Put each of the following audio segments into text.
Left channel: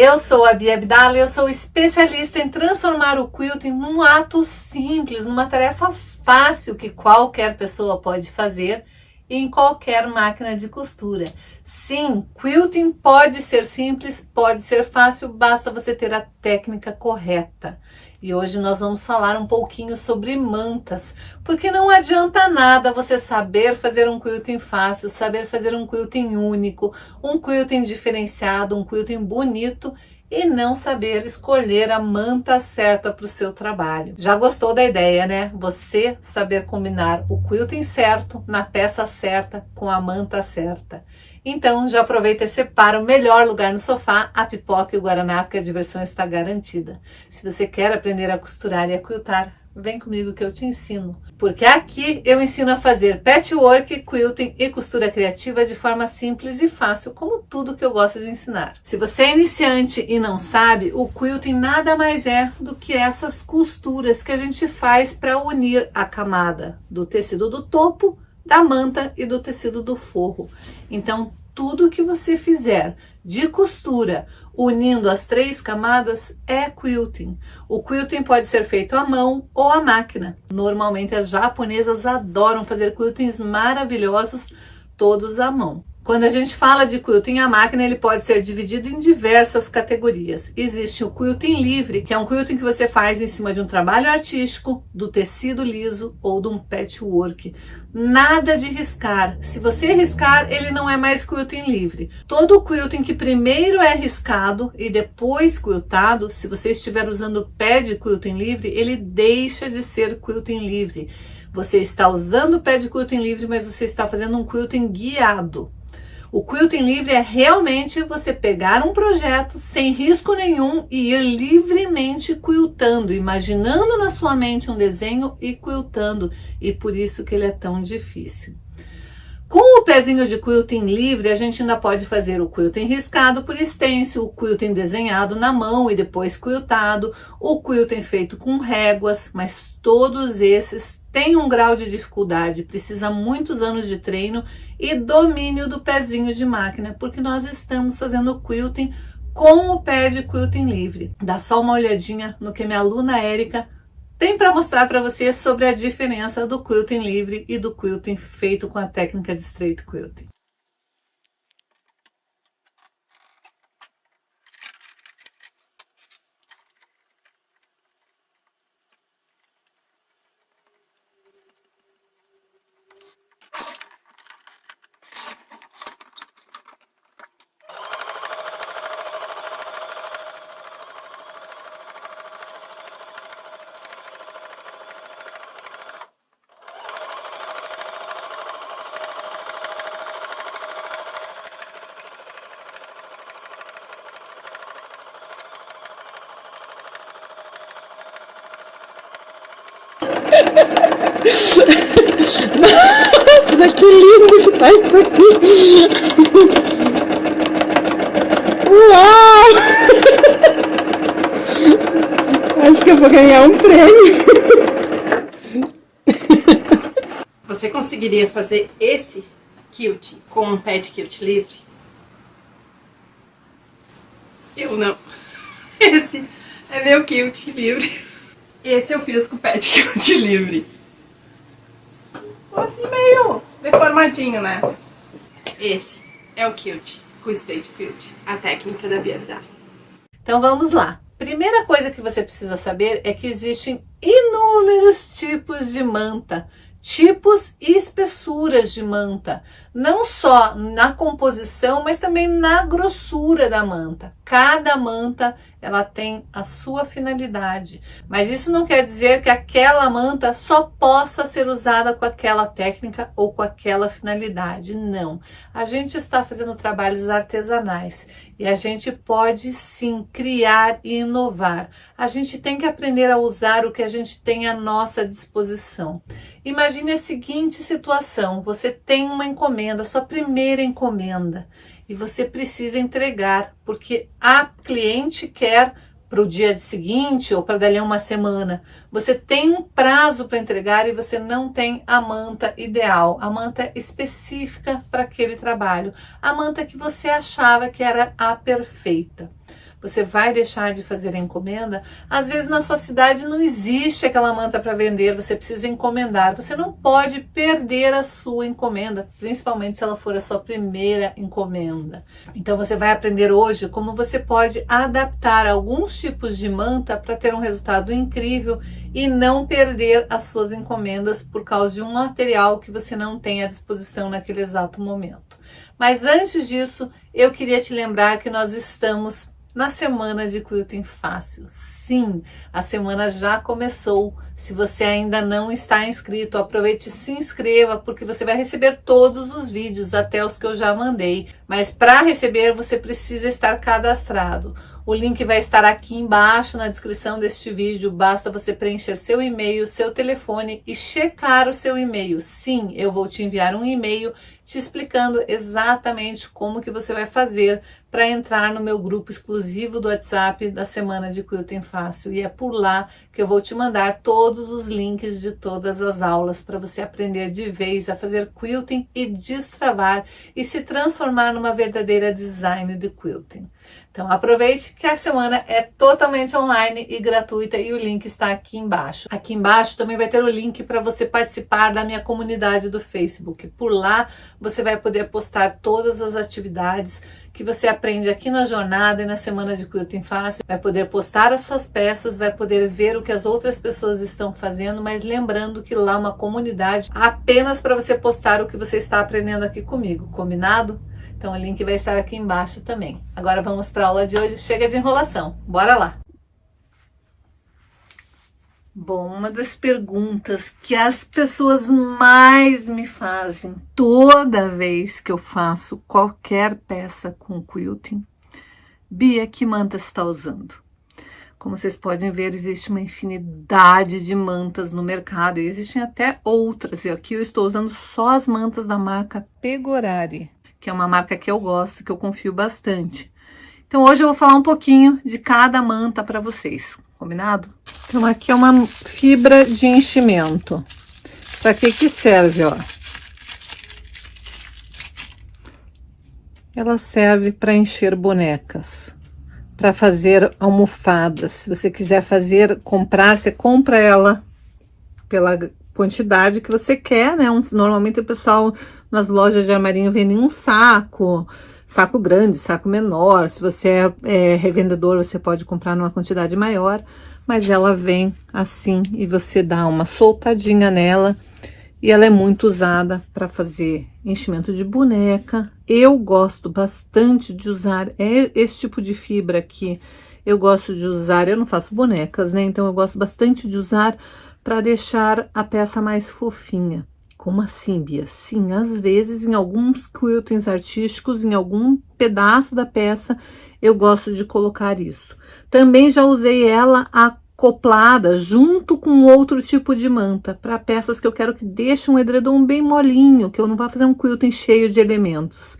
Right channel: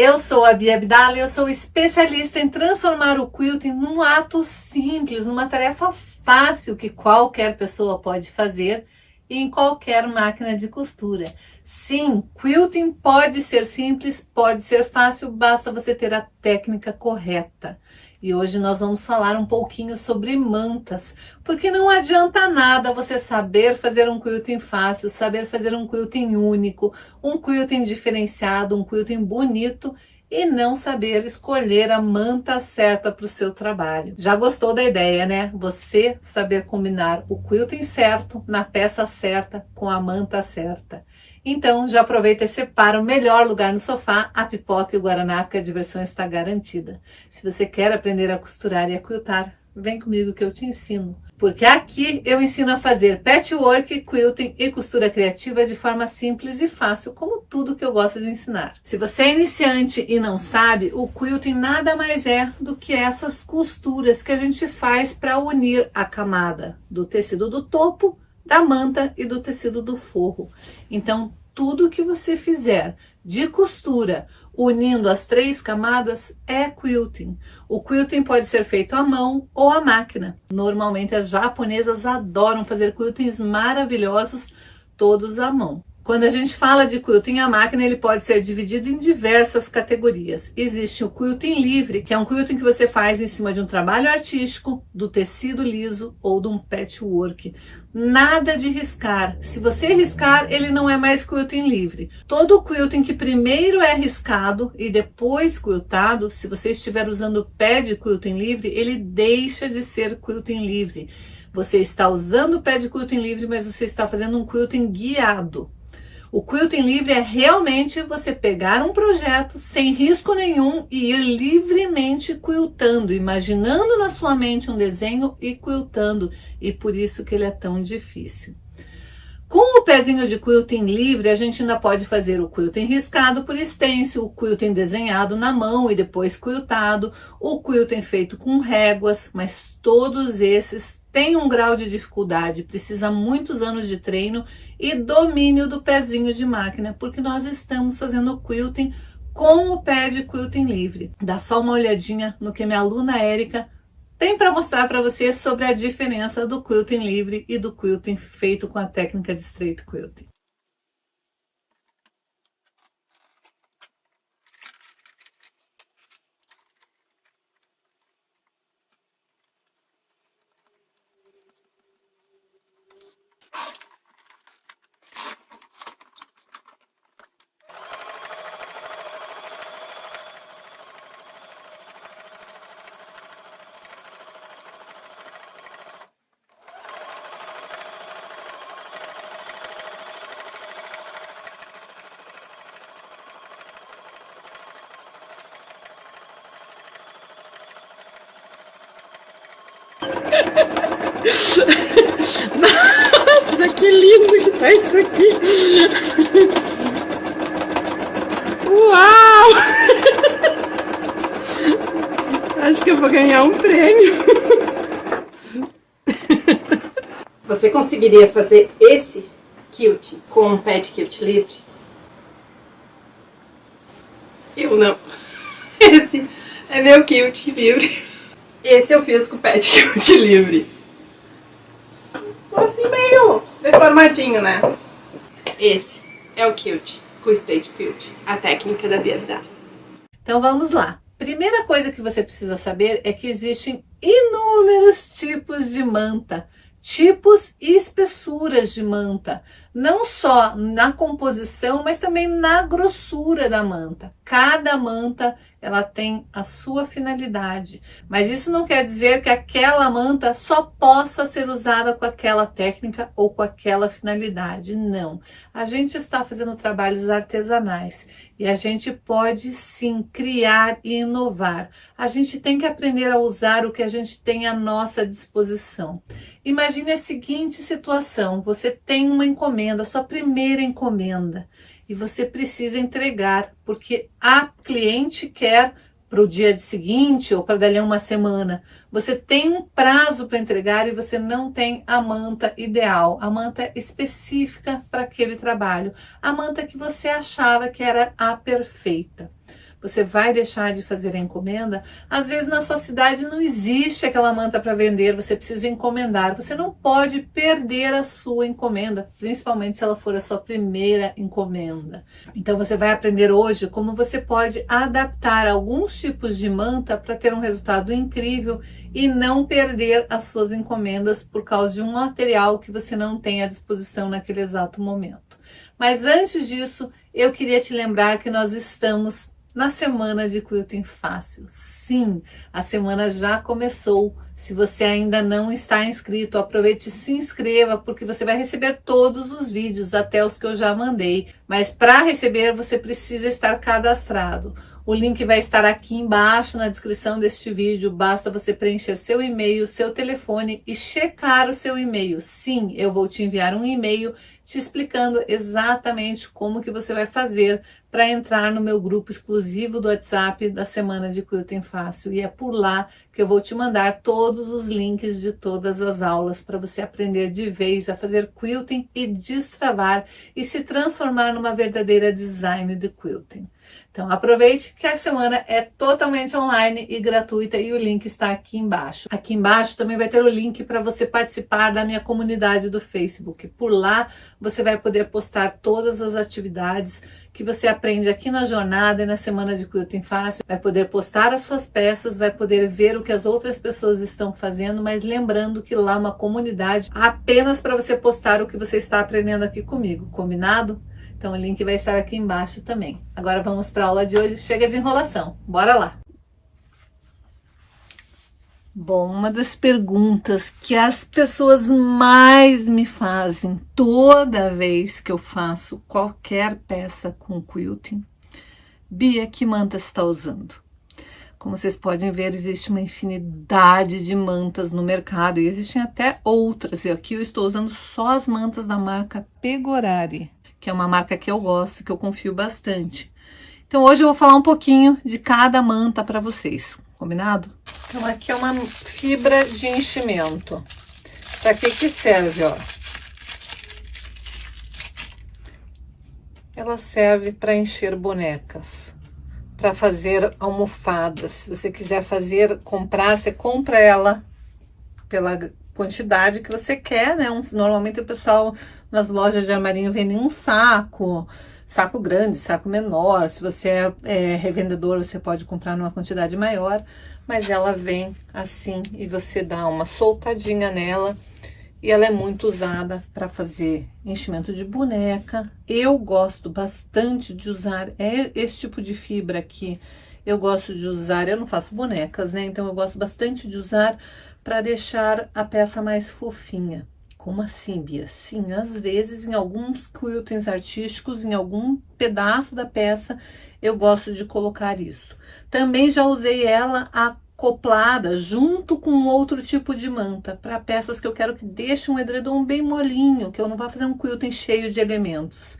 Eu sou a Bia Abdala e eu sou especialista em transformar o quilting num ato simples, numa tarefa fácil que qualquer pessoa pode fazer em qualquer máquina de costura. Sim, quilting pode ser simples, pode ser fácil, basta você ter a técnica correta. E hoje nós vamos falar um pouquinho sobre mantas, porque não adianta nada você saber fazer um quilting fácil, saber fazer um quilting único, um quilting diferenciado, um quilting bonito e não saber escolher a manta certa para o seu trabalho. Já gostou da ideia, né? Você saber combinar o quilting certo, na peça certa, com a manta certa. Então, já aproveita e separa o melhor lugar no sofá, a pipoca e o guaraná, porque a diversão está garantida. Se você quer aprender a costurar e a quiltar, vem comigo que eu te ensino. Porque aqui eu ensino a fazer patchwork, quilting e costura criativa de forma simples e fácil, como tudo que eu gosto de ensinar. Se você é iniciante e não sabe, o quilting nada mais é do que essas costuras que a gente faz para unir a camada do tecido do topo, da manta e do tecido do forro. Então, tudo que você fizer de costura, unindo as 3 camadas, é quilting. O quilting pode ser feito à mão ou à máquina. Normalmente as japonesas adoram fazer quiltings maravilhosos, todos à mão. Quando a gente fala de quilting à máquina, ele pode ser dividido em diversas categorias. Existe o quilting livre, que é um quilting que você faz em cima de um trabalho artístico, do tecido liso ou de um patchwork. Nada de riscar. Se você riscar, ele não é mais quilting livre. Todo quilting que primeiro é riscado e depois quiltado, se você estiver usando pé de quilting livre, ele deixa de ser quilting livre. Você está usando o pé de quilting livre, mas você está fazendo um quilting guiado. O quilting livre é realmente você pegar um projeto sem risco nenhum e ir livremente quiltando, imaginando na sua mente um desenho e quiltando, e por isso que ele é tão difícil. Com o pezinho de quilting livre, a gente ainda pode fazer o quilting riscado por stencil, o quilting desenhado na mão e depois quiltado, o quilting feito com réguas, mas todos esses têm um grau de dificuldade, precisa muitos anos de treino e domínio do pezinho de máquina, porque nós estamos fazendo quilting com o pé de quilting livre. Dá só uma olhadinha no que minha aluna Érica tem para mostrar para você sobre a diferença do quilting livre e do quilting feito com a técnica de straight quilting. Nossa, que lindo que tá isso aqui! Uau! Acho que eu vou ganhar um prêmio. Você conseguiria fazer esse quilt com um pé de quilt livre? Eu não. Esse é meu quilt livre. Esse eu fiz com o pé de quilt livre. Assim meio deformadinho, né? Esse é o quilt com straight quilt, a técnica da Bia Abdala. Então vamos lá. Primeira coisa que você precisa saber é que existem inúmeros tipos de manta, tipos e espessuras de manta, não só na composição, mas também na grossura da manta. Cada manta ela tem a sua finalidade, mas isso não quer dizer que aquela manta só possa ser usada com aquela técnica ou com aquela finalidade, não. A gente está fazendo trabalhos artesanais e a gente pode sim criar e inovar. A gente tem que aprender a usar o que a gente tem à nossa disposição. Imagine a seguinte situação: você tem uma encomenda, sua primeira encomenda, e você precisa entregar, porque a cliente quer para o dia seguinte ou para dali a uma semana. Você tem um prazo para entregar e você não tem a manta ideal, a manta específica para aquele trabalho, a manta que você achava que era a perfeita. você vai deixar de fazer a encomenda? Às vezes na sua cidade não existe aquela manta para vender, você precisa encomendar. Você não pode perder a sua encomenda, principalmente se ela for a sua primeira encomenda. Então você vai aprender hoje como você pode adaptar alguns tipos de manta para ter um resultado incrível e não perder as suas encomendas por causa de um material que você não tem à disposição naquele exato momento. Mas antes disso, eu queria te lembrar que nós estamos na semana de Quilting Fácil. Sim, a semana já começou. Se você ainda não está inscrito, aproveite e se inscreva, porque você vai receber todos os vídeos, até os que eu já mandei. Mas para receber, você precisa estar cadastrado. O link vai estar aqui embaixo na descrição deste vídeo. Basta você preencher seu e-mail, seu telefone e checar o seu e-mail. Sim, eu vou te enviar um e-mail te explicando exatamente como que você vai fazer para entrar no meu grupo exclusivo do WhatsApp da Semana de Quilting Fácil. E é por lá que eu vou te mandar todos os links de todas as aulas para você aprender de vez a fazer quilting e destravar e se transformar numa verdadeira designer de quilting. Então aproveite que a semana é totalmente online e gratuita e o link está aqui embaixo. Aqui embaixo também vai ter o link para você participar da minha comunidade do Facebook. Por lá você vai poder postar todas as atividades que você aprende aqui na jornada e na Semana de Quilting Fácil. Vai poder postar as suas peças, vai poder ver o que as outras pessoas estão fazendo, mas lembrando que lá é uma comunidade apenas para você postar o que você está aprendendo aqui comigo, combinado? Então o link vai estar aqui embaixo também. Agora vamos para a aula de hoje. Chega de enrolação. Bora lá! Bom, uma das perguntas que as pessoas mais me fazem toda vez que eu faço qualquer peça com quilting: Bia, que manta você está usando? Como vocês podem ver, existe uma infinidade de mantas no mercado e existem até outras. E aqui eu estou usando só as mantas da marca Pegorari, que é uma marca que eu gosto, que eu confio bastante. Então hoje eu vou falar um pouquinho de cada manta para vocês, combinado? Então aqui é uma fibra de enchimento. Para que serve, ó? Ela serve para encher bonecas, para fazer almofadas. Se você quiser fazer, comprar, você compra ela pela quantidade que você quer, né? Normalmente o pessoal nas lojas de armarinho vende um saco grande, saco menor. Se você é revendedor, você pode comprar numa quantidade maior, mas ela vem assim e você dá uma soltadinha nela e ela é muito usada para fazer enchimento de boneca. Eu gosto bastante de usar esse tipo de fibra aqui. Eu gosto de usar, eu não faço bonecas, né? Então eu gosto bastante de usar para deixar a peça mais fofinha. Como assim, Bia? Sim, às vezes em alguns quiltings artísticos, em algum pedaço da peça, eu gosto de colocar isso. Também já usei ela acoplada junto com outro tipo de manta, para peças que eu quero que deixe um edredom bem molinho, que eu não vá fazer um quilting cheio de elementos.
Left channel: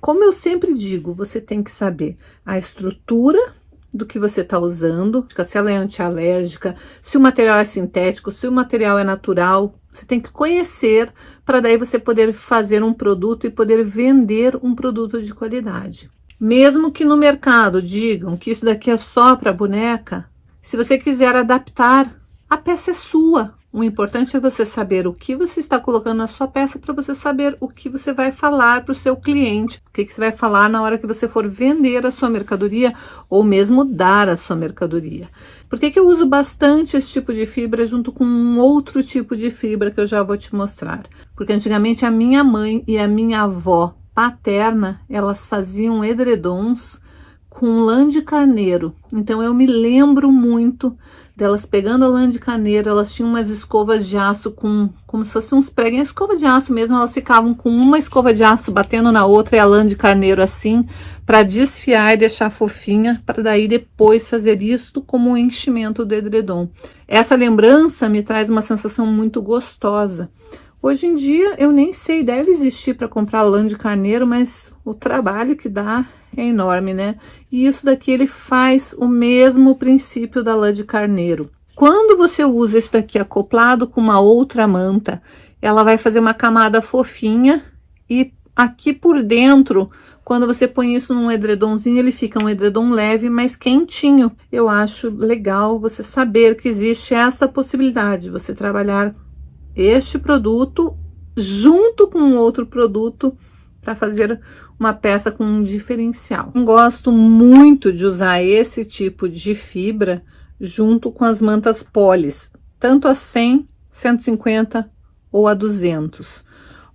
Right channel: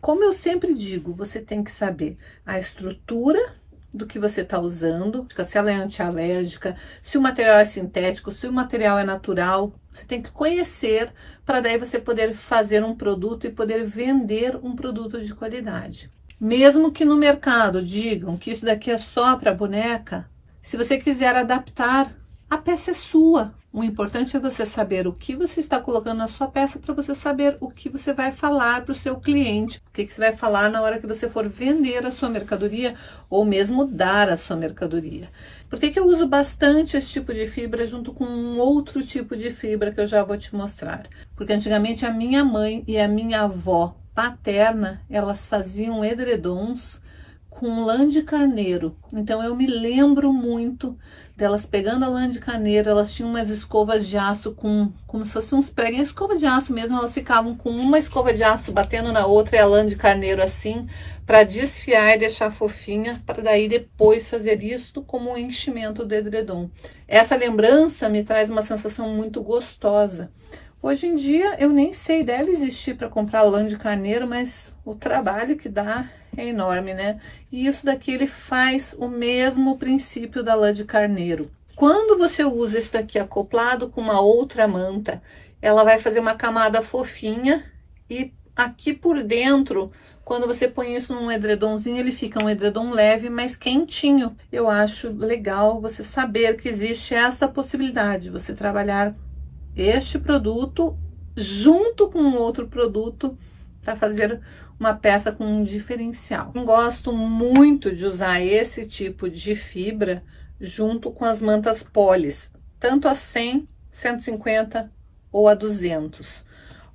Como eu sempre digo, você tem que saber a estrutura do que você está usando, se ela é antialérgica, se o material é sintético, se o material é natural. Você tem que conhecer para daí você poder fazer um produto e poder vender um produto de qualidade. Mesmo que no mercado digam que isso daqui é só para boneca, se você quiser adaptar, a peça é sua. O importante é você saber o que você está colocando na sua peça para você saber o que você vai falar para o seu cliente, o que você vai falar na hora que você for vender a sua mercadoria ou mesmo dar a sua mercadoria. Por que eu uso bastante esse tipo de fibra junto com um outro tipo de fibra que eu já vou te mostrar? Porque antigamente a minha mãe e a minha avó paterna, elas faziam edredons com lã de carneiro. Então eu me lembro muito delas pegando a lã de carneiro. Elas tinham umas escovas de aço como se fossem uns pregos, escova de aço mesmo. Elas ficavam com uma escova de aço batendo na outra e a lã de carneiro assim, para desfiar e deixar fofinha, para daí depois fazer isto como um enchimento do edredom. Essa lembrança me traz uma sensação muito gostosa. Hoje em dia eu nem sei, deve existir para comprar lã de carneiro, mas o trabalho que dá é enorme, né? E isso daqui ele faz o mesmo princípio da lã de carneiro. Quando você usa isso daqui acoplado com uma outra manta, ela vai fazer uma camada fofinha e aqui por dentro, Quando você põe isso num edredomzinho, ele fica um edredom leve, mas quentinho. Eu acho legal você saber que existe essa possibilidade de você trabalhar este produto junto com outro produto para fazer uma peça com um diferencial. Eu gosto muito de usar esse tipo de fibra junto com as mantas polis, tanto a 100, 150 ou a 200.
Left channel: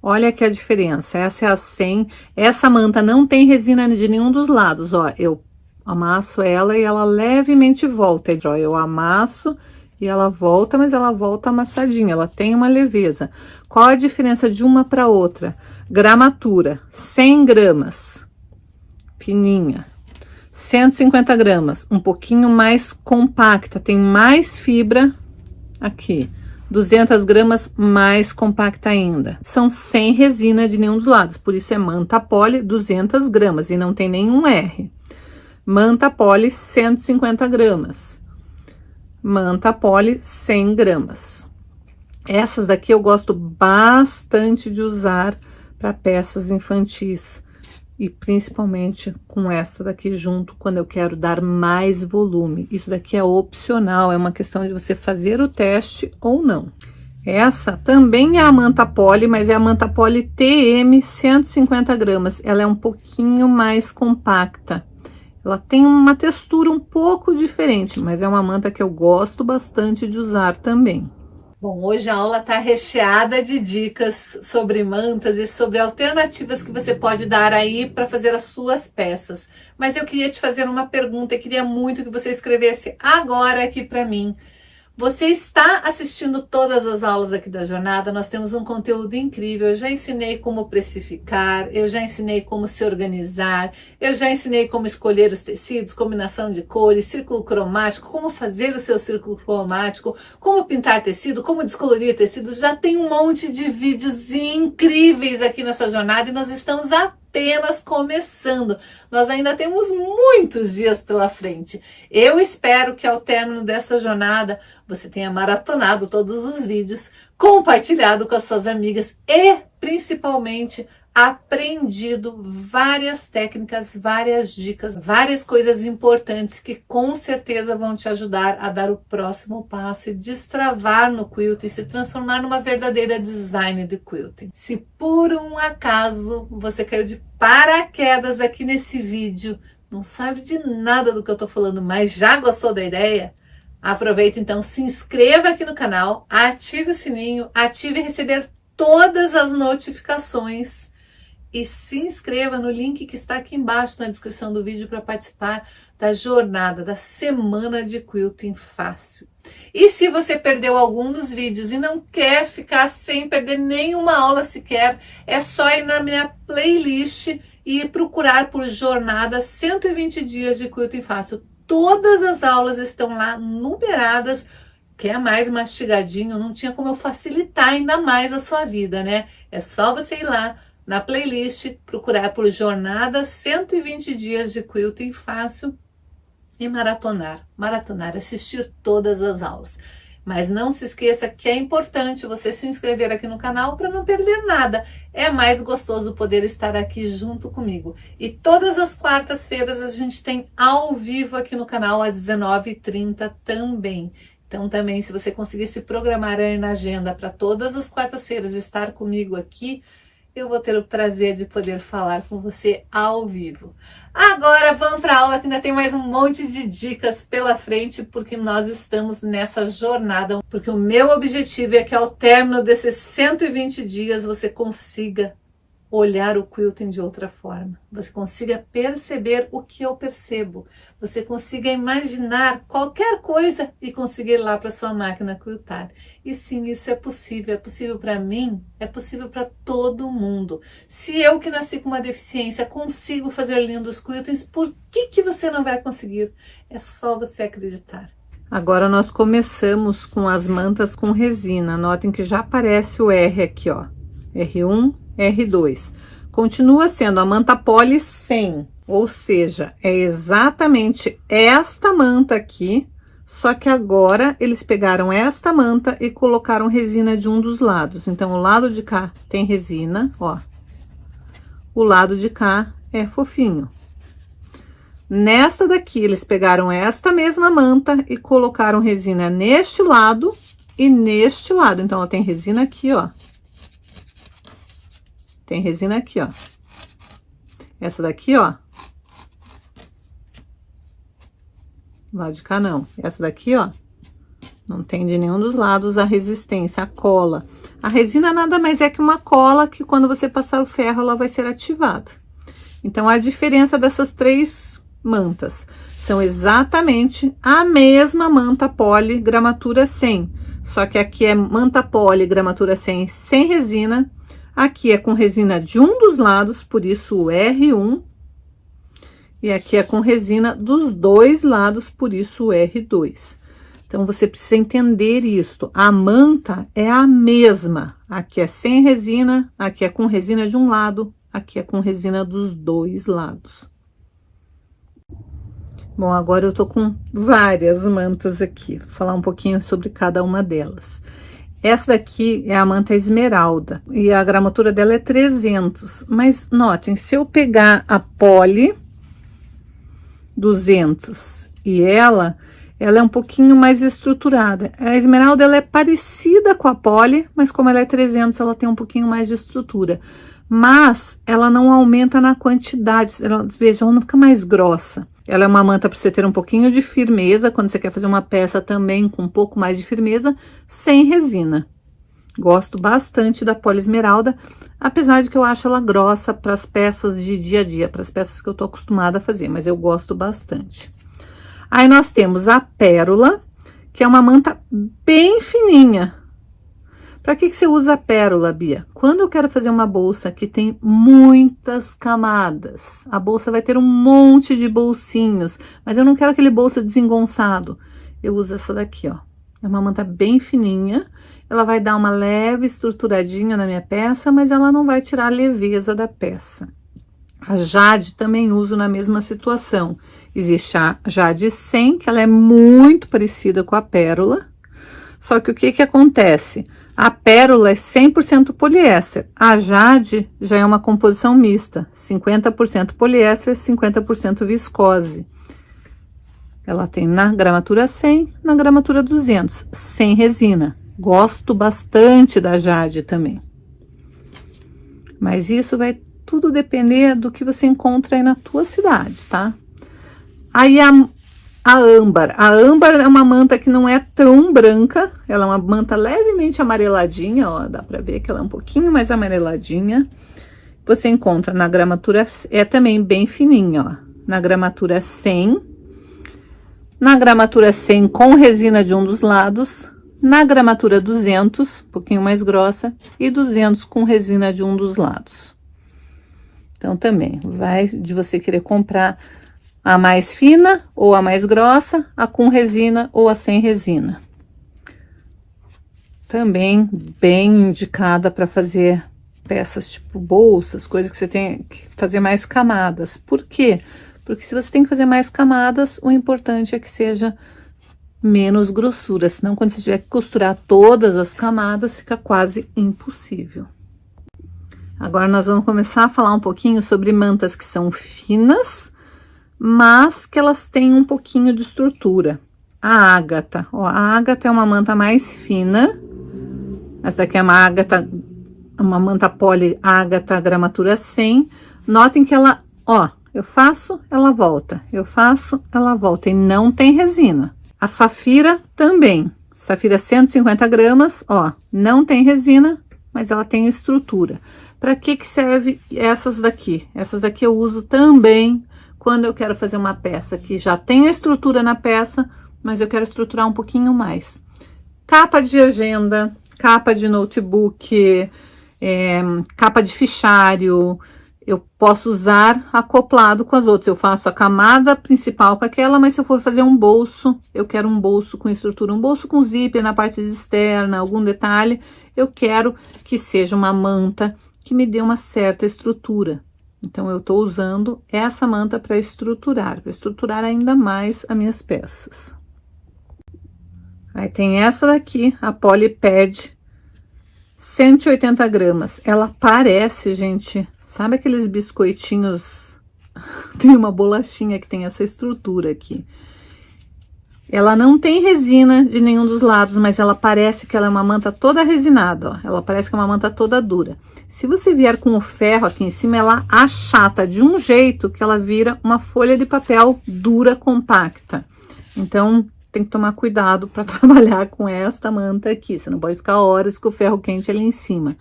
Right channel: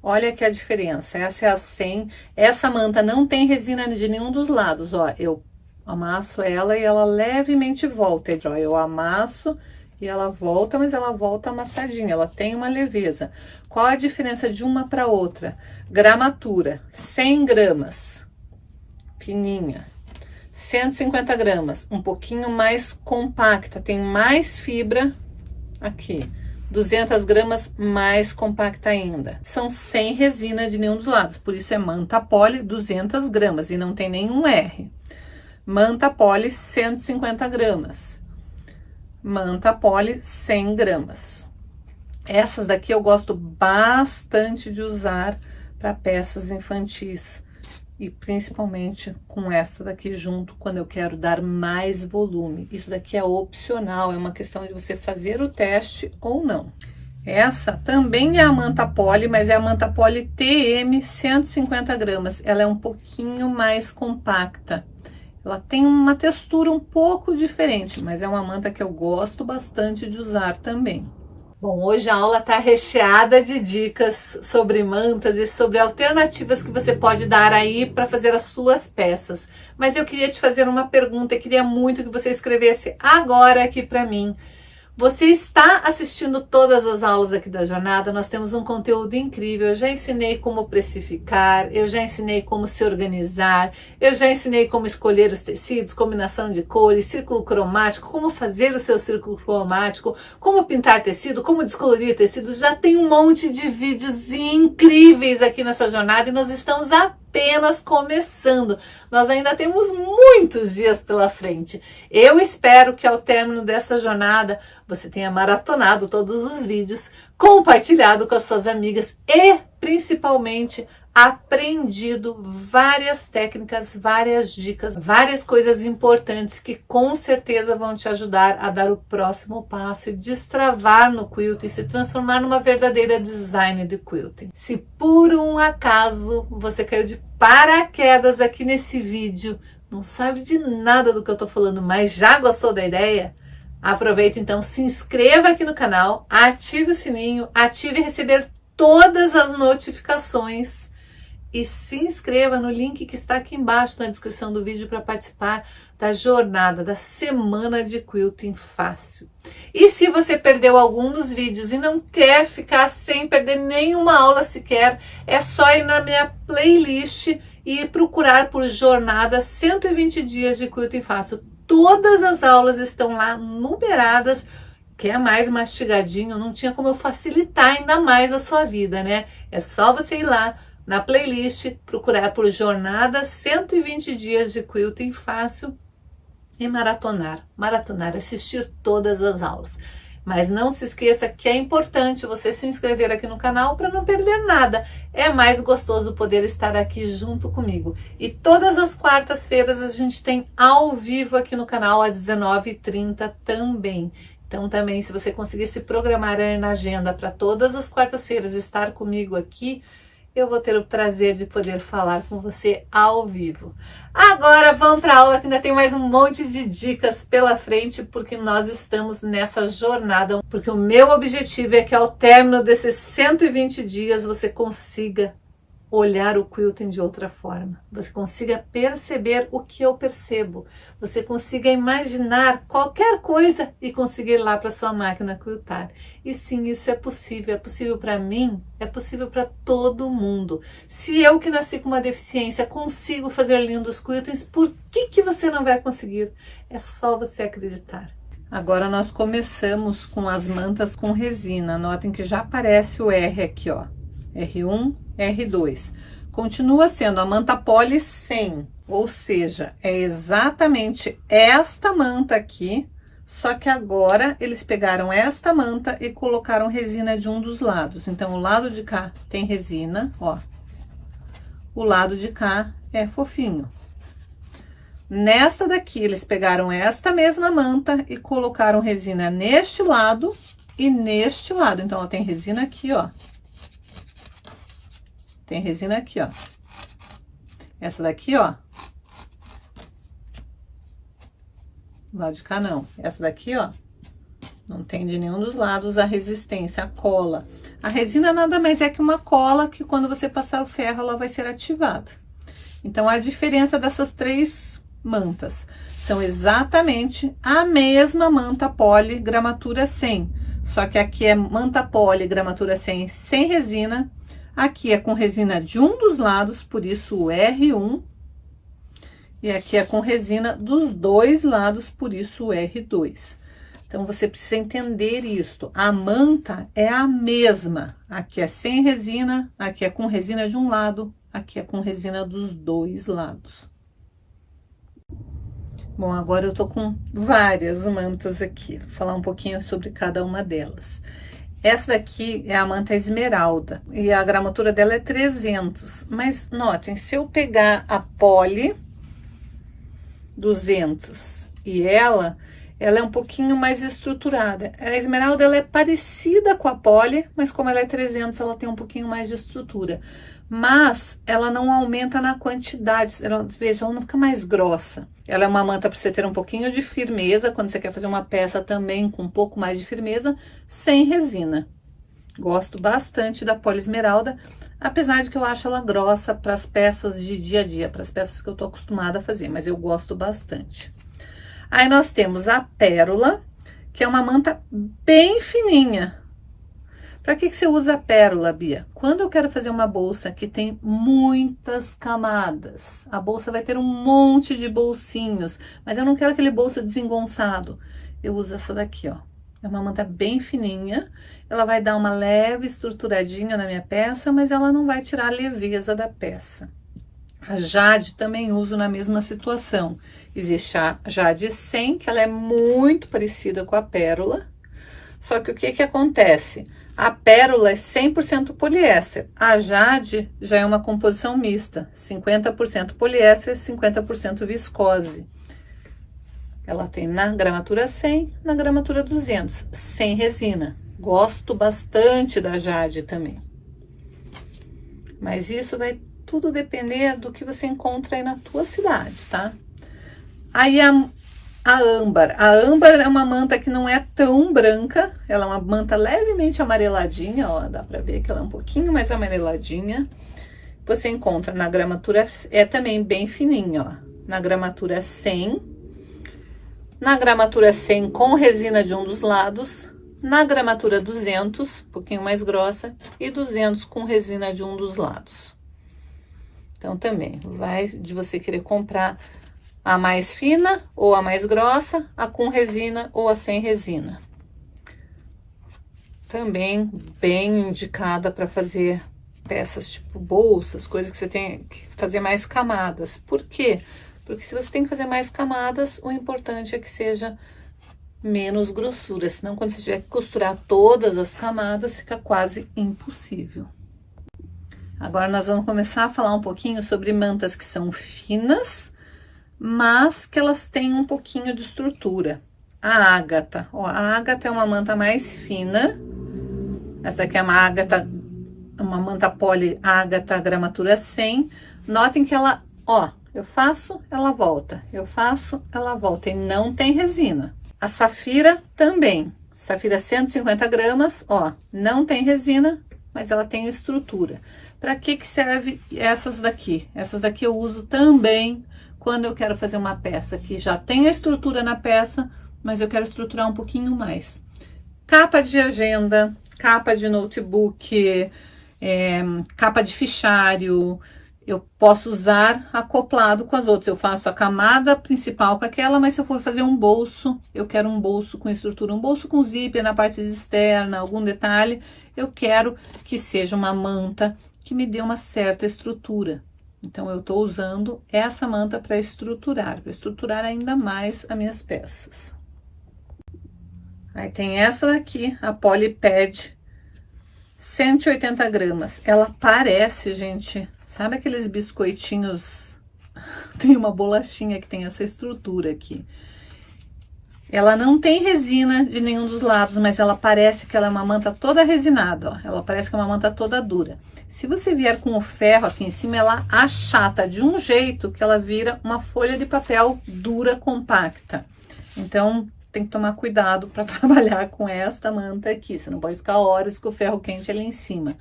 Olha que a diferença, essa é a 100, essa manta não tem resina de nenhum dos lados, ó, eu amasso ela e ela levemente volta, ó, eu amasso e ela volta, mas ela volta amassadinha, ela tem uma leveza. Qual a diferença de uma para outra? Gramatura, 100 gramas, fininha, 150 gramas, um pouquinho mais compacta, tem mais fibra aqui. 200 gramas, mais compacta ainda. São sem resina de nenhum dos lados, por isso é manta poly 200 gramas e não tem nenhum R. Manta poly 150 gramas. Manta poly 100 gramas. Essas daqui eu gosto bastante de usar para peças infantis. E principalmente com essa daqui junto, quando eu quero dar mais volume. Isso daqui é opcional, é uma questão de você fazer o teste ou não. Essa também é a manta poly, mas é a manta poly TM 150 gramas. Ela é um pouquinho mais compacta. Ela tem uma textura um pouco diferente, mas é uma manta que eu gosto bastante de usar também. Bom, hoje a aula está recheada de dicas sobre mantas e sobre alternativas que você pode dar aí para fazer as suas peças. Mas eu queria te fazer uma pergunta e queria muito que você escrevesse agora aqui para mim. Você está assistindo todas as aulas aqui da jornada, nós temos um conteúdo incrível, eu já ensinei como precificar, eu já ensinei como se organizar, eu já ensinei como escolher os tecidos, combinação de cores, círculo cromático, como fazer o seu círculo cromático, como pintar tecido, como descolorir tecido, já tem um monte de vídeos incríveis aqui nessa jornada e nós estamos apenas começando. Nós ainda temos muitos dias pela frente. Eu espero que ao término dessa jornada você tenha maratonado todos os vídeos, compartilhado com as suas amigas e principalmente aprendido várias técnicas, várias dicas, várias coisas importantes que com certeza vão te ajudar a dar o próximo passo e destravar no quilting, se transformar numa verdadeira designer de quilting. Se por um acaso você caiu de paraquedas aqui nesse vídeo, não sabe de nada do que eu tô falando, mas já gostou da ideia? Aproveita então, se inscreva aqui no canal, ative o sininho, ative receber todas as notificações e se inscreva no link que está aqui embaixo na descrição do vídeo para participar da jornada, da semana de quilting fácil. E se você perdeu algum dos vídeos e não quer ficar sem perder nenhuma aula sequer, é só ir na minha playlist e procurar por jornada 120 dias de quilting fácil. Todas as aulas estão lá numeradas, que é mais mastigadinho, não tinha como eu facilitar ainda mais a sua vida, né? É só você ir lá na playlist, procurar por jornada 120 dias de quilting fácil e maratonar, assistir todas as aulas. Mas não se esqueça que é importante você se inscrever aqui no canal para não perder nada. É mais gostoso poder estar aqui junto comigo. E todas as quartas-feiras a gente tem ao vivo aqui no canal às 19h30 também. Então também, se você conseguir se programar aí na agenda para todas as quartas-feiras estar comigo aqui, eu vou ter o prazer de poder falar com você ao vivo. Agora vamos para a aula que ainda tem mais um monte de dicas pela frente, porque nós estamos nessa jornada, porque o meu objetivo é que ao término desses 120 dias você consiga olhar o quilting de outra forma, você consiga perceber o que eu percebo, você consiga imaginar qualquer coisa e conseguir ir lá para sua máquina quiltar. E sim, isso é possível para mim, é possível para todo mundo. Se eu que nasci com uma deficiência consigo fazer lindos quiltings, por que você não vai conseguir? É só você acreditar. Agora nós começamos com as mantas com resina, notem que já aparece o R aqui, ó, R1, R2. Continua sendo a manta poly 100, ou seja, é exatamente esta manta aqui, só que agora eles pegaram esta manta e colocaram resina de um dos lados. Então, o lado de cá tem resina, ó. O lado de cá é fofinho. Nesta daqui, eles pegaram esta mesma manta e colocaram resina neste lado e neste lado. Então, ó, tem resina aqui, ó. Tem resina aqui, ó. Essa daqui, ó. Do lado de cá, não. Essa daqui, ó. Não tem de nenhum dos lados a resistência, a cola. A resina nada mais é que uma cola que quando você passar o ferro, ela vai ser ativada. Então, a diferença dessas três mantas são exatamente a mesma manta poli gramatura 100. Só que aqui é manta poli gramatura 100 sem resina. Aqui é com resina de um dos lados, por isso o R1. E aqui é com resina dos dois lados, por isso o R2. Então, você precisa entender isto. A manta é a mesma. Aqui é sem resina, aqui é com resina de um lado, aqui é com resina dos dois lados. Bom, agora eu tô com várias mantas aqui. Vou falar um pouquinho sobre cada uma delas. Essa daqui é a manta esmeralda e a gramatura dela é 300. Mas notem, se eu pegar a poli 200 e ela é um pouquinho mais estruturada. A esmeralda, ela é parecida com a poli, mas como ela é 300, ela tem um pouquinho mais de estrutura. Mas ela não aumenta na quantidade, veja, ela não fica mais grossa. Ela é uma manta para você ter um pouquinho de firmeza, quando você quer fazer uma peça também com um pouco mais de firmeza, sem resina. Gosto bastante da poli esmeralda, apesar de que eu acho ela grossa para as peças de dia a dia, para as peças que eu tô acostumada a fazer, mas eu gosto bastante. Aí, nós temos a pérola, que é uma manta bem fininha. Para que você usa a pérola, Bia? Quando eu quero fazer uma bolsa que tem muitas camadas, a bolsa vai ter um monte de bolsinhos, mas eu não quero aquele bolso desengonçado. Eu uso essa daqui, ó. É uma manta bem fininha, ela vai dar uma leve estruturadinha na minha peça, mas ela não vai tirar a leveza da peça. A Jade também uso na mesma situação. Existe a Jade 100, que ela é muito parecida com a pérola. Só que o que acontece? A pérola é 100% poliéster. A Jade já é uma composição mista. 50% poliéster, 50% viscose. Ela tem na gramatura 100, na gramatura 200, sem resina. Gosto bastante da Jade também. Mas isso vai tudo depender do que você encontra aí na tua cidade, tá? Aí a âmbar. A âmbar é uma manta que não é tão branca, ela é uma manta levemente amareladinha, ó, dá pra ver que ela é um pouquinho mais amareladinha. Você encontra na gramatura, é também bem fininha, ó, na gramatura 100, na gramatura 100 com resina de um dos lados, na gramatura 200, um pouquinho mais grossa, e 200 com resina de um dos lados. Então, também vai de você querer comprar a mais fina ou a mais grossa, a com resina ou a sem resina. Também bem indicada para fazer peças tipo bolsas, coisas que você tem que fazer mais camadas. Por quê? Porque se você tem que fazer mais camadas, o importante é que seja menos grossura, senão quando você tiver que costurar todas as camadas, fica quase impossível. Agora, nós vamos começar a falar um pouquinho sobre mantas que são finas, mas que elas têm um pouquinho de estrutura. A ágata, ó, a ágata é uma manta mais fina. Essa daqui é uma manta poli ágata gramatura 100. Notem que ela, ó, eu faço, ela volta. Eu faço, ela volta. E não tem resina. A safira também. Safira 150 gramas, ó, não tem resina, mas ela tem estrutura. Para que serve essas daqui? Essas daqui eu uso também quando eu quero fazer uma peça que já tem a estrutura na peça, mas eu quero estruturar um pouquinho mais. Capa de agenda, capa de notebook, capa de fichário, eu posso usar acoplado com as outras. Eu faço a camada principal com aquela, mas se eu for fazer um bolso, eu quero um bolso com estrutura, um bolso com zíper na parte externa, algum detalhe, eu quero que seja uma manta que me dê uma certa estrutura. Então, eu tô usando essa manta para estruturar ainda mais as minhas peças. Aí, tem essa daqui, a Polypad, 180 gramas. Ela parece, gente, sabe aqueles biscoitinhos tem uma bolachinha que tem essa estrutura aqui. Ela não tem resina de nenhum dos lados, mas ela parece que ela é uma manta toda resinada, ó. Ela parece que é uma manta toda dura. Se você vier com o ferro aqui em cima, ela achata de um jeito que ela vira uma folha de papel dura, compacta. Então, tem que tomar cuidado para trabalhar com esta manta aqui. Você não pode ficar horas com o ferro quente ali em cima.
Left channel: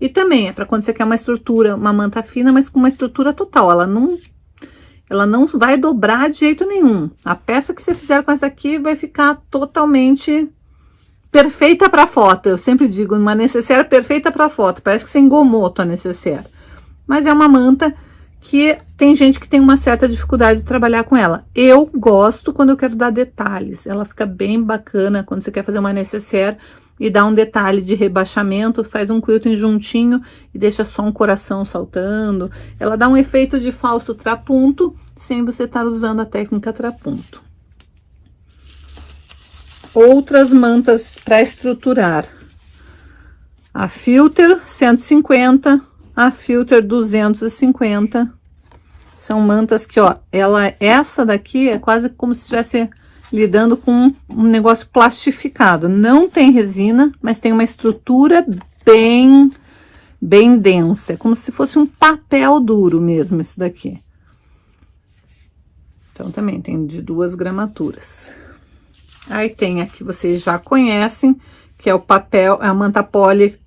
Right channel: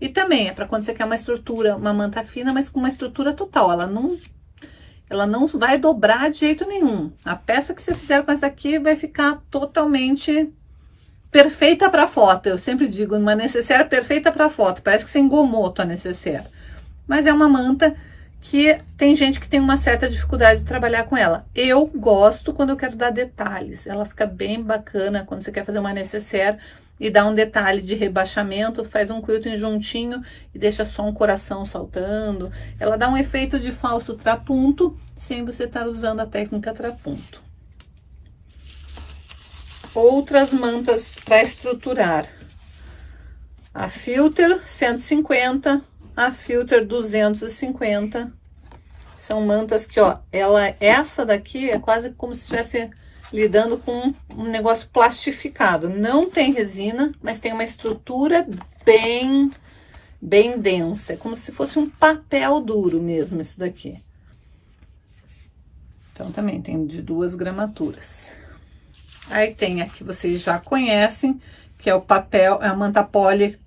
E também é para quando você quer uma estrutura, uma manta fina, mas com uma estrutura total. Ela não vai dobrar de jeito nenhum. A peça que você fizer com essa aqui vai ficar totalmente perfeita para foto. Eu sempre digo, uma necessaire perfeita para foto. Parece que você engomou a tua necessaire. Mas é uma manta que tem gente que tem uma certa dificuldade de trabalhar com ela. Eu gosto quando eu quero dar detalhes. Ela fica bem bacana quando você quer fazer uma necessaire e dá um detalhe de rebaixamento, faz um quilting juntinho e deixa só um coração saltando. Ela dá um efeito de falso trapunto, sem você estar usando a técnica trapunto. Outras mantas para estruturar. A Filter 150, a Filter 250. São mantas que, ó, essa daqui é quase como se estivesse lidando com um negócio plastificado. Não tem resina, mas tem uma estrutura bem densa. É como se fosse um papel duro mesmo, isso daqui. Então, também tem de 2 gramaturas. Aí tem a que vocês já conhecem, que é o papel, a manta poly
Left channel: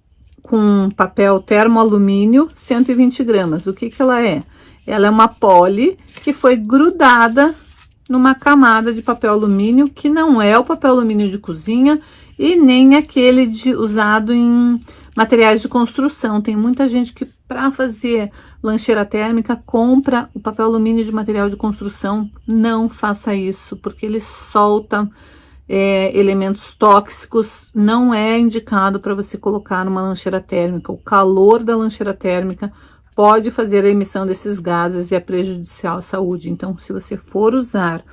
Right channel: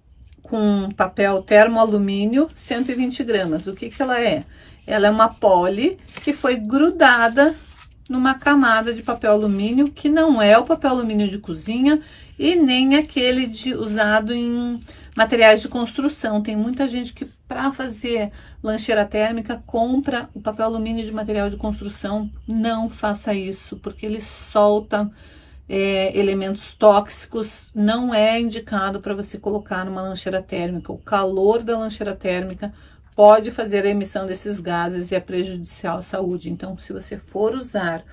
com papel termoalumínio, 120 gramas. O que que ela é? Ela é uma poly que foi grudada numa camada de papel alumínio, que não é o papel alumínio de cozinha e nem aquele usado em materiais de construção. Tem muita gente que, para fazer lancheira térmica, compra o papel alumínio de material de construção. Não faça isso, porque ele solta elementos tóxicos. Não é indicado para você colocar numa lancheira térmica. O calor da lancheira térmica pode fazer a emissão desses gases e é prejudicial à saúde. Então, se você for usar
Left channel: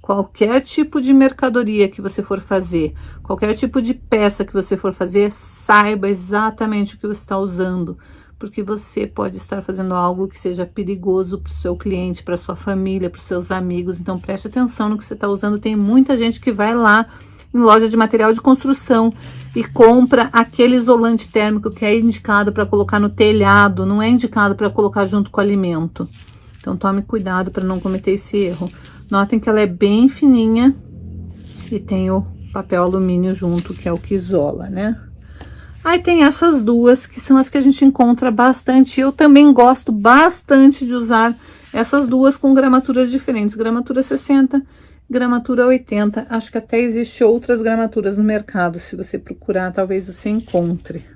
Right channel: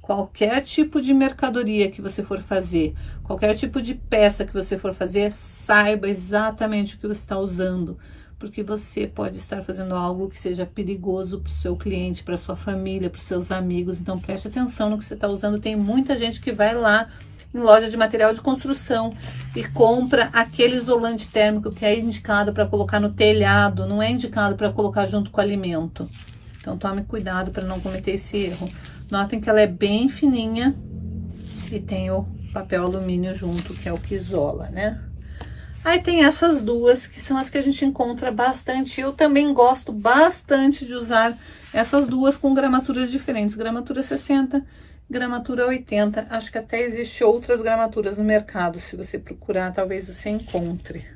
qualquer tipo de mercadoria que você for fazer, qualquer tipo de peça que você for fazer, saiba exatamente o que você está usando, porque você pode estar fazendo algo que seja perigoso para o seu cliente, para sua família, para os seus amigos. Então, preste atenção no que você está usando. Tem muita gente que vai lá em loja de material de construção e compra aquele isolante térmico que é indicado para colocar no telhado, não é indicado para colocar junto com o alimento. Então, tome cuidado para não cometer esse erro. Notem que ela é bem fininha e tem o papel alumínio junto, que é o que isola, né? Aí tem essas duas, que são as que a gente encontra bastante. Eu também gosto bastante de usar essas duas com gramaturas diferentes. Gramatura 60, gramatura 80. Acho que até existe outras gramaturas no mercado. Se você procurar, talvez você encontre.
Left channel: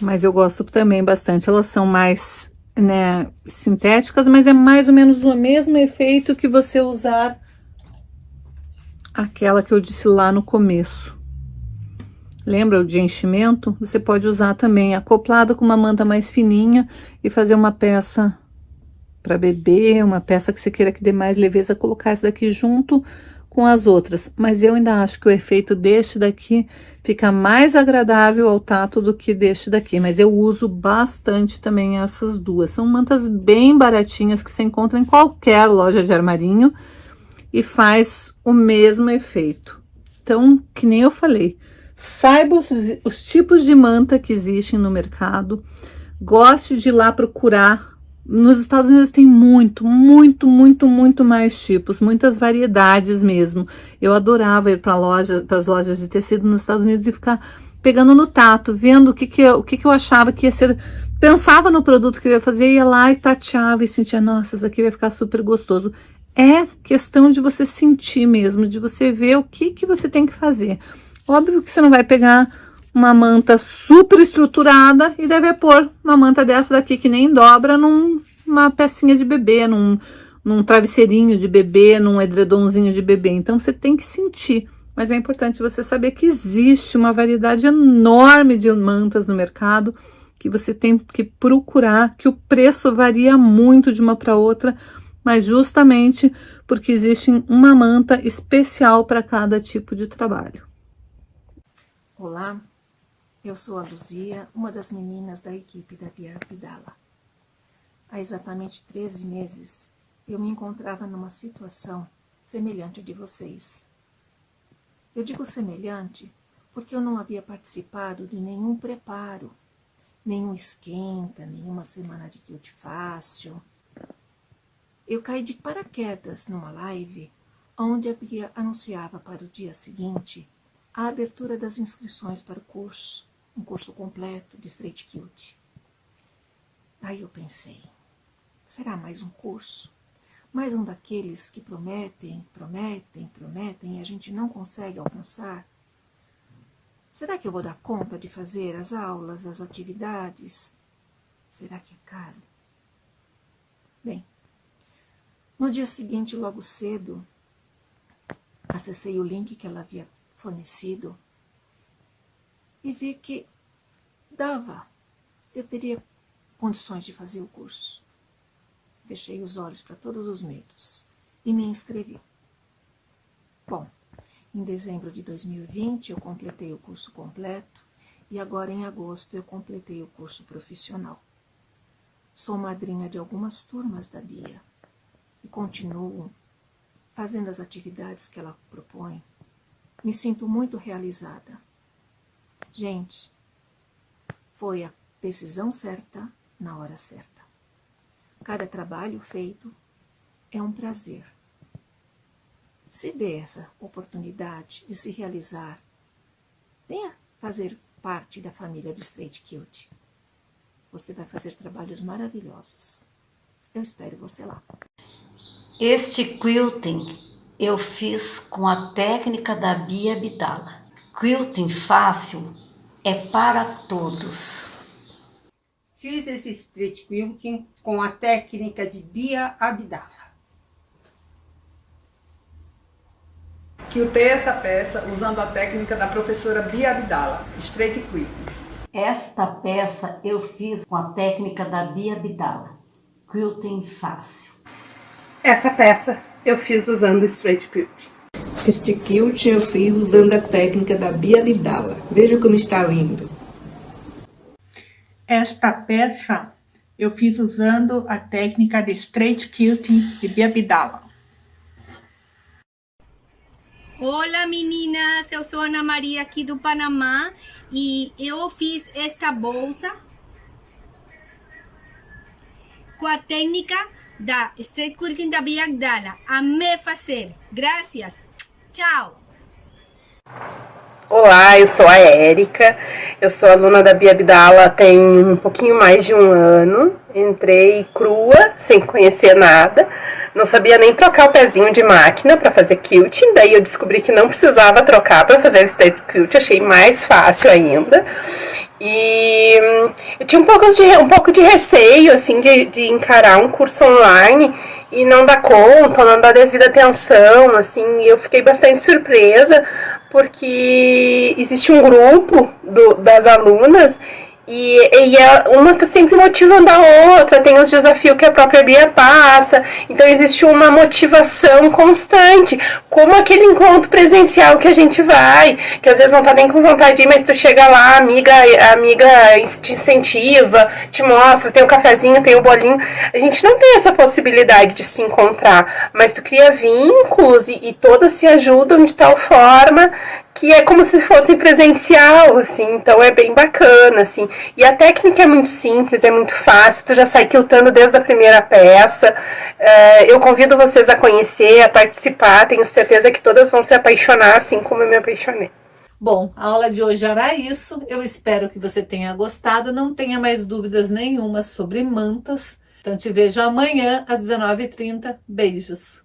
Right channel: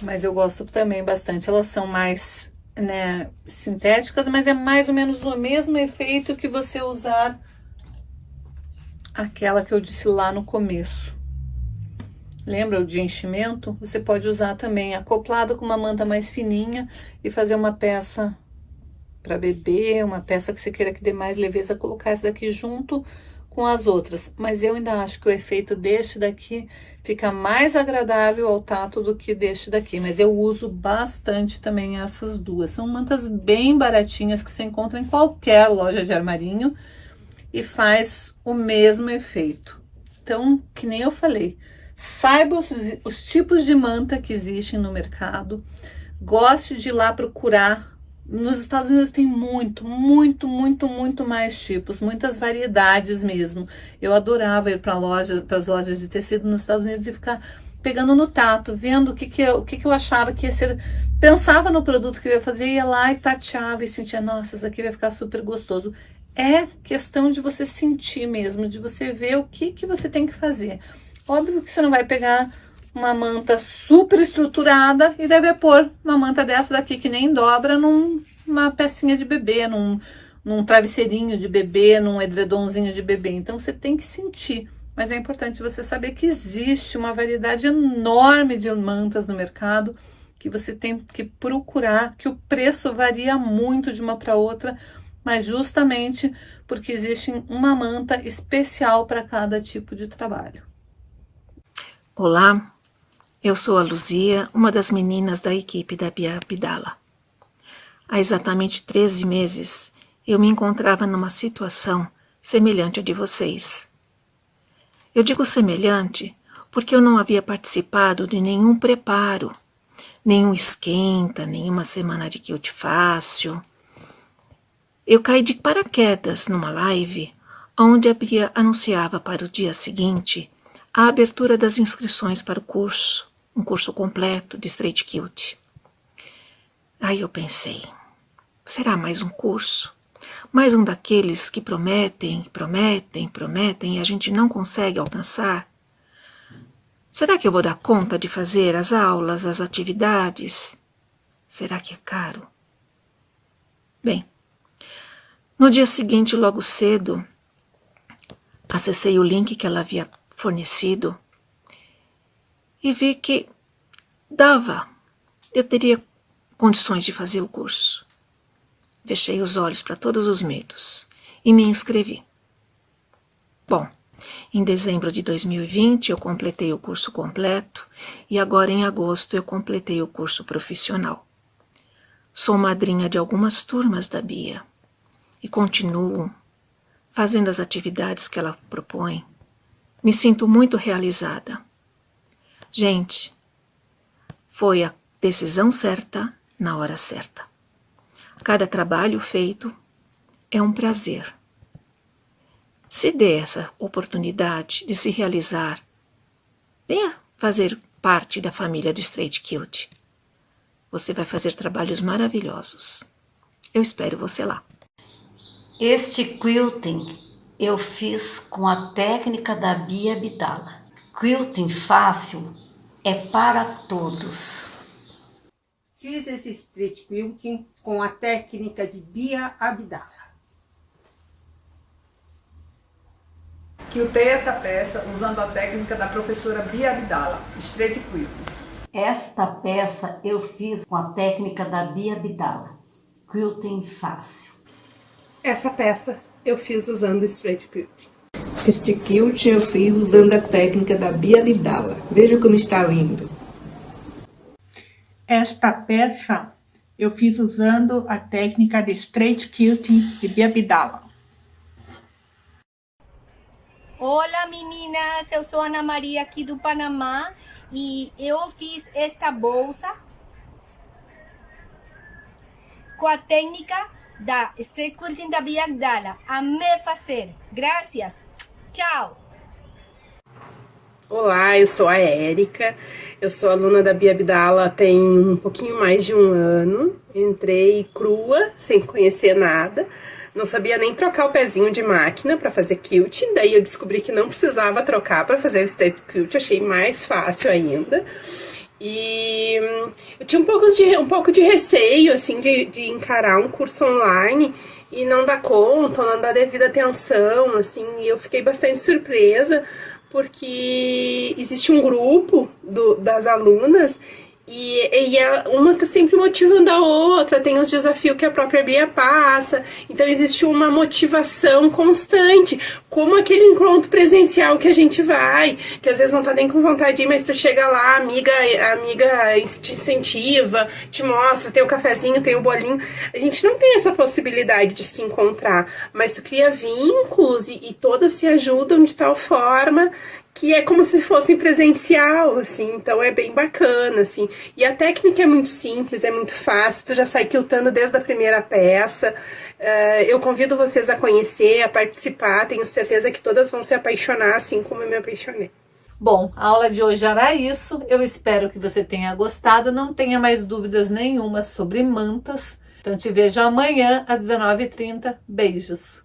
Mas eu gosto também bastante. Elas são mais, né, sintéticas, mas é mais ou menos o mesmo efeito que você usar aquela que eu disse lá no começo. Lembra o de enchimento? Você pode usar também acoplado com uma manta mais fininha e fazer uma peça para bebê, uma peça que você queira que dê mais leveza, colocar essa daqui junto com as outras. Mas eu ainda acho que o efeito deste daqui fica mais agradável ao tato do que deste daqui. Mas eu uso bastante também essas duas. São mantas bem baratinhas que você encontra em qualquer loja de armarinho e faz o mesmo efeito. Então, que nem eu falei, saiba os tipos de manta que existem no mercado, goste de ir lá procurar. Nos Estados Unidos tem muito mais tipos, muitas variedades mesmo. Eu adorava ir para as lojas de tecido nos Estados Unidos e ficar pegando no tato, vendo o que eu achava que ia ser. Pensava no produto que eu ia fazer, ia lá e tateava e sentia, nossa, isso aqui vai ficar super gostoso. É questão de você sentir mesmo, de você ver o que você tem que fazer. Óbvio que você não vai pegar uma manta super estruturada e deve pôr uma manta dessa daqui que nem dobra numa pecinha de bebê, num travesseirinho de bebê, num edredomzinho de bebê. Então, você tem que sentir. Mas é importante você saber que existe uma variedade enorme de mantas no mercado, que você tem que procurar, que o preço varia muito de uma para outra, mas justamente porque existe uma manta especial para cada tipo de trabalho. Olá, eu sou a Luzia, uma das meninas da equipe da Bia Abdala. Há exatamente 13 meses, eu me encontrava numa situação semelhante à de vocês. Eu digo semelhante porque eu não havia participado de nenhum preparo, nenhum esquenta, nenhuma semana de quilt fácil. Eu caí de paraquedas numa live onde a Bia anunciava para o dia seguinte a abertura das inscrições para o curso, um curso completo de Straight Quilt. Aí eu pensei, será mais um curso? Mais um daqueles que prometem e a gente não consegue alcançar? Será que eu vou dar conta de fazer as aulas, as atividades? Será que é caro? Bem, no dia seguinte, logo cedo, acessei o link que ela havia fornecido e vi que eu teria condições de fazer o curso. Fechei os olhos para todos os medos e me inscrevi. Bom, em dezembro de 2020 eu completei o curso completo e agora em agosto eu completei o curso profissional. Sou madrinha de algumas turmas da Bia e continuo fazendo as atividades que ela propõe. Me sinto muito realizada. Gente, foi a decisão certa na hora certa. Cada trabalho feito é um prazer. Se dê essa oportunidade de se realizar, venha fazer parte da família do Straight Quilt. Você vai fazer trabalhos maravilhosos. Eu espero você lá. Este quilting eu fiz com a técnica da Bia Abdala. Quilting fácil é para todos. Fiz esse Straight Quilting com a técnica de Bia Abdala. Quiltei essa peça usando a técnica da professora Bia Abdala, Straight Quilting. Esta peça eu fiz com a técnica da Bia Abdala. Quilting fácil. Essa peça eu fiz usando Straight Quilt. Este quilt eu fiz usando a técnica da Bia Abdala. Veja como está lindo. Esta peça eu fiz usando a técnica de Straight Quilting de Bia Abdala. Olá meninas, eu sou Ana Maria aqui do Panamá e eu fiz esta bolsa com a técnica da Straight Quilting da Bia Abdala. Amei fazer. Graças. Tchau. Olá, eu sou a Érica, eu sou aluna da Bia Abdala tem um pouquinho mais de um ano. Entrei crua, sem conhecer nada, não sabia nem trocar o pezinho de máquina para fazer quilt, daí eu descobri que não precisava trocar para fazer o Straight Quilt, achei mais fácil ainda. E eu tinha um pouco de receio, assim, de encarar um curso online e não dar conta, não dar devida atenção, assim, e eu fiquei bastante surpresa, porque existe um grupo das alunas e uma está sempre motivando a outra, tem os desafios que a própria Bia passa, então existe uma motivação constante, como aquele encontro presencial que a gente vai, que às vezes não tá nem com vontade de ir, mas tu chega lá, a amiga te incentiva, te mostra, tem o cafezinho, tem o bolinho. A gente não tem essa possibilidade de se encontrar, mas tu cria vínculos e todas se ajudam de tal forma que é como se fosse presencial, assim, então é bem bacana, assim. E a técnica é muito simples, é muito fácil, tu já sai quiltando desde a primeira peça. Eu convido vocês a conhecer, a participar, tenho certeza que todas vão se apaixonar, assim como eu me apaixonei. Bom, a aula de hoje era isso, eu espero que você tenha gostado, não tenha mais dúvidas nenhuma sobre mantas. Então te vejo amanhã às 19h30, beijos!